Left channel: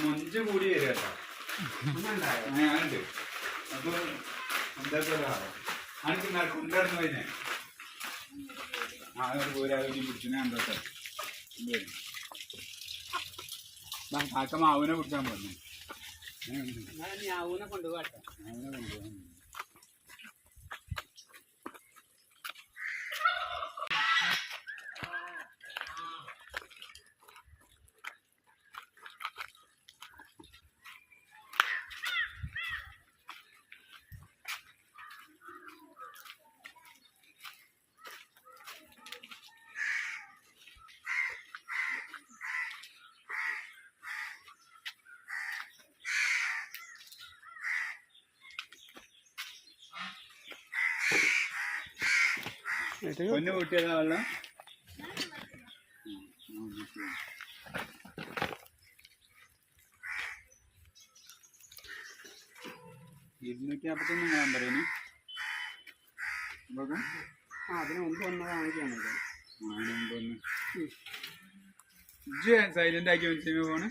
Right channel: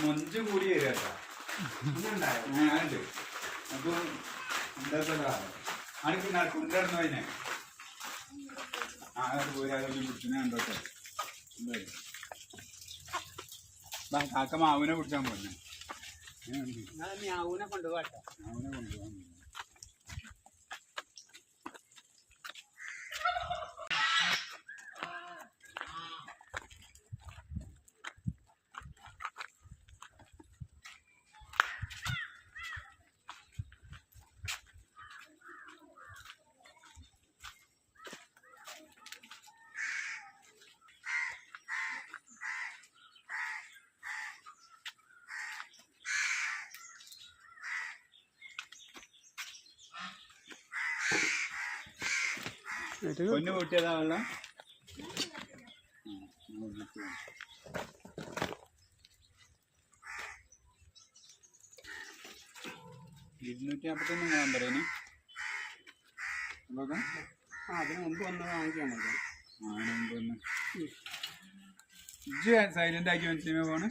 മൊഞ്ച് കൂടി വരിക കേട്ടോ ഞാനുണ്ട് അത് എന്താ അനക്ക് കൊണ്ടുവരുന്ന അതിനെ. ആ ഒരു പോരാതെ പിടിച്ചിനെ എന്താ കാക്ക മാവിനെ പിടിച്ചാൻ പോന്നെ. ഞാവൂനെ കൊണ്ടുപോകട്ടെ മാവിനെ കൊണ്ടുപോകാൻ പൊന്നു കൂട്ടിയതാ വെള്ളം. ഇരുന്നൂറ്റി നാൽപ്പത്തൊന്ന് ഞാൻ പറയുന്നു ആ അതിന് മുമ്പ് ഒന്ന് ഇജ്ജ് സൈലന്റ് ആക്കി മനസ്സിലാ ഫോണ്.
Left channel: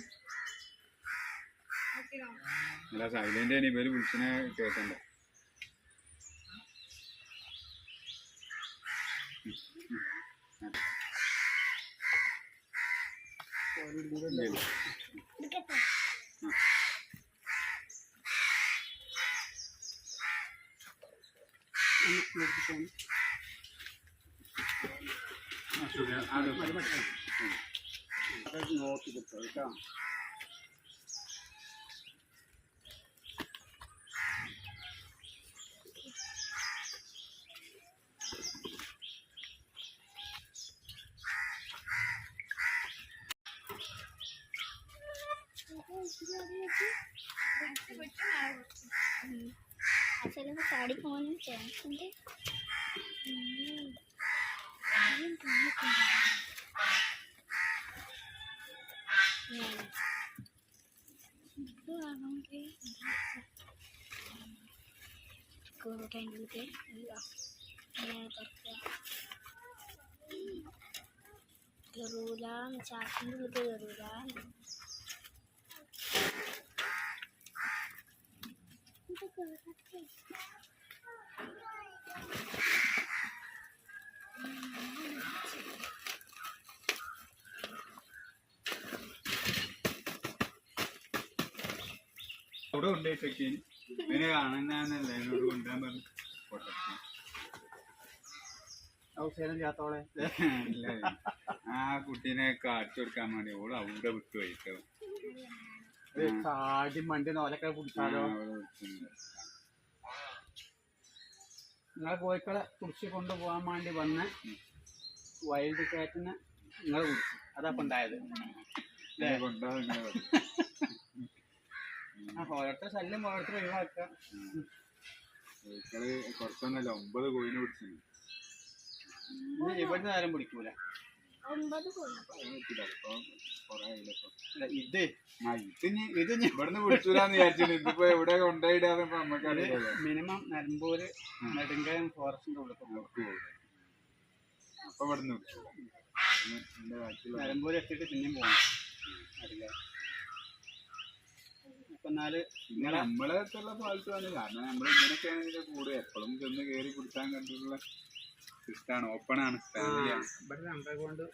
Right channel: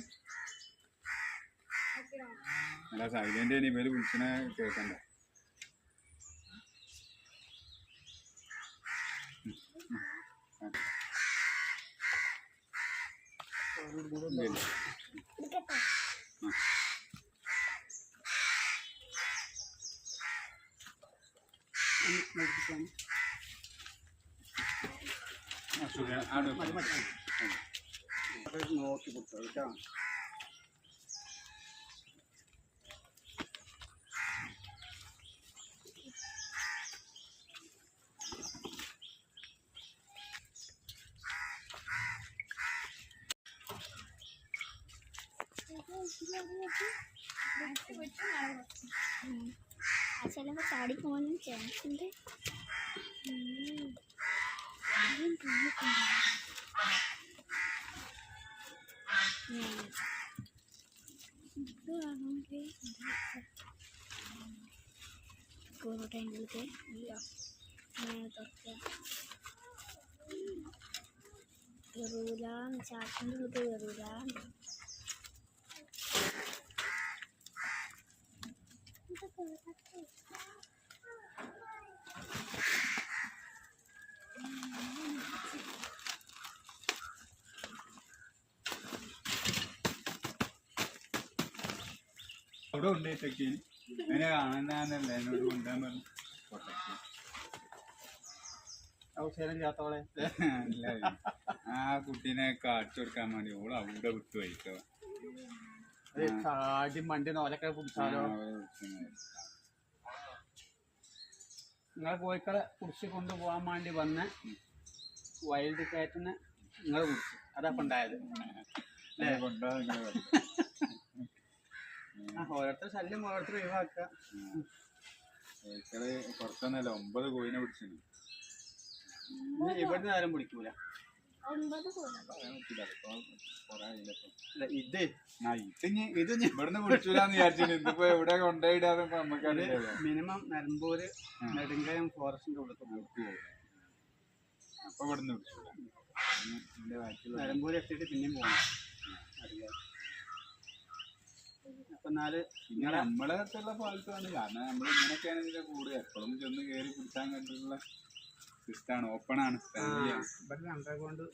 അല്ല സൈലന്റ് ഇനി ഇവർ വിളിച്ചിനെ കേൾക്കണ്ട. നോക്കി കിട്ടും കേട്ടോ అసలు మా సాడి ఫోన్ చేస్తుంటే కోట ఇంటికి जरूर चार जरूर അവിടെ കൊണ്ടുപോയിട്ടൊക്കെ അതിനെ കാണാനല്ല എന്നോട് കൊണ്ടുപോകാൻ പറഞ്ഞു. ഔഷധം ചെയ്യാത്തോളെ ആ കുട്ടീനെ കാണിച്ചു കൊടുക്കാൻ വേണ്ടി ഓൾ അവിടെ വിട്ടു പോയിട്ടോ. കാടി മണ്ടി നോലൊക്കെ പിടിച്ചാലോ നിങ്ങളെ കോഴിക്കളെ കുടിച്ച് കൊണ്ടുപോകാൻ വേണ്ടി വന്ന് വൈൽഡ് കാറ്റിന് നിങ്ങൾ കുടിച്ചു. അതപ്പം ഉണ്ടായത്. ഓരോരുത്തർ ശല്യം ഓരോരുത്തർ ഒഴിവാക്കുക. കോഴിക്കൾ കുറച്ചൊന്നല്ല ഒമ്പത് കോഴിനെ പിടിച്ചു ഇവിടെ നേരം പിടിക്കൂല. ഒമ്പത് ഇത് ഇത് ഇത് ഇവിടുന്ന് പിടിച്ചൂലെന്ന് വിചാരിച്ചിട്ട് ഇതിപ്പോ എവിടെ കൊണ്ടുപോയിടാതെ നമുക്ക് മിനിമം നിലമ്പൂര് നെടുങ്കയം ഫോറസ്റ്റിന്റെ ഉള്ളിൽ പോകും അപ്പൊ ഇവിടുന്ന് ബാക്കിയുള്ള നിലമ്പൂര് എത്തിയിട്ട് പിന്നെയും പോകണം അറിയില്ല അപ്പൊ എന്നാൽ ഇങ്ങനെ നമ്മളെ അടുത്തുള്ള തന്നെ കാരണം നമ്മൾ ഇങ്ങനെയൊക്കെയാണ് ഇതിന്റെ കൂടെ. എപ്പോഴും ചെന്ന് കയറി പിടിച്ചാൻ കണ്ടിട്ടുള്ള സിസ്റ്റാണ് ഓപ്പൺ ആണ് ഫാമിലിയാണ് ഇവിടെ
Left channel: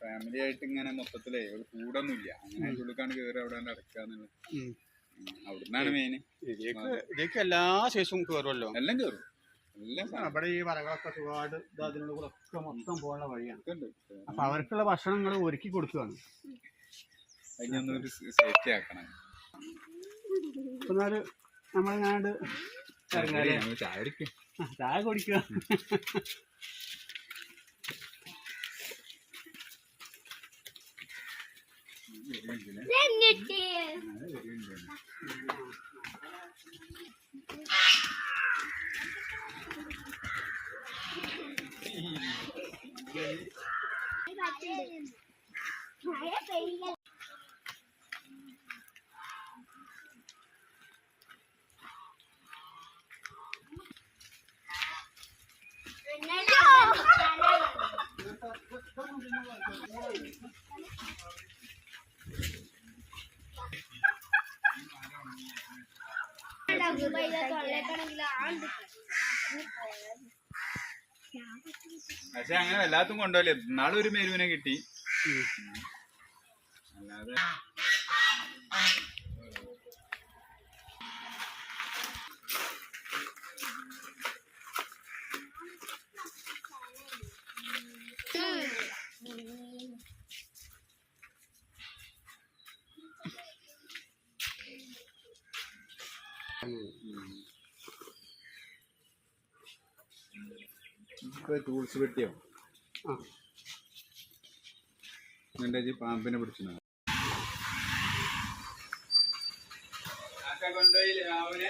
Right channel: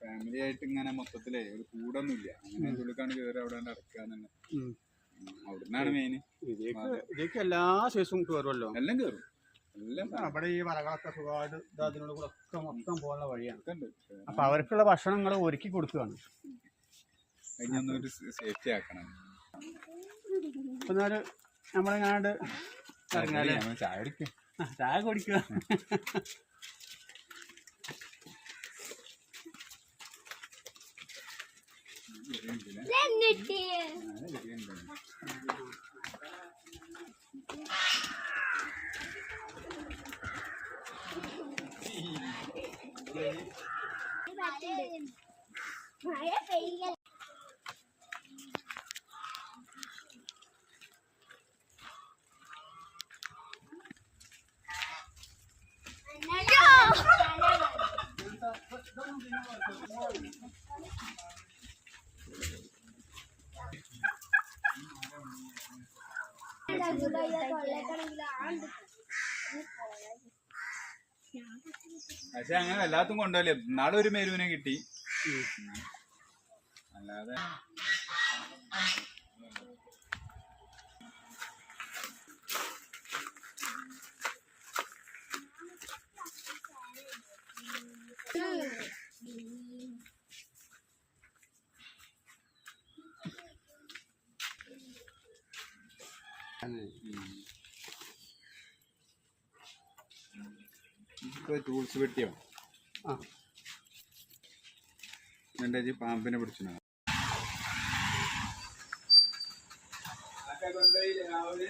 ഫാമിലി ആയിട്ട് ഇങ്ങനെ മൊത്തത്തിലേ ഒരു കൂടൊന്നുമില്ല. അങ്ങനെ ഉള്ളിക്കാണ് കയറി അവിടെ അടക്കുക എന്നുള്ള. അവിടുന്നാണ് മെയിന് ഇതിലേക്ക് എല്ലാ ശേഷവും കയറുമല്ലോ എല്ലാം കേറും. അവിടെ ഈ വരകളൊക്കെ സുഖമായിട്ട് അതിനോട് കൂടെ ഒക്കെ മൊത്തം പോകാനുള്ള വഴിയാണ്. അപ്പൊ അവർക്കുള്ള ഭക്ഷണം നിങ്ങൾ ഒരുക്കി കൊടുക്കുകയാണ്. അതിനൊന്നൊരു സേഫ്റ്റി ആക്കണം. എന്നാൽ നമ്മളെങ്ങാണ്ട് ചായ കുടിക്കും ആ, ചായ കുടിക്കുക എന്നിട്ട് മഴ പെയ്യ പക്ഷെ അങ്ങനെ എല്ലാത്തും കൊണ്ടുപോലെ നാളെ ഒരു മേലുവിനെ കിട്ടി. അല്ലാതെ ഇപ്പൊ ടൂൾസ് പെട്ടിയോ എന്റെ ജി പാമ്പിനെ പിടിച്ചിനോ? കൊണ്ടുപോയില്ലേ രാവിലെ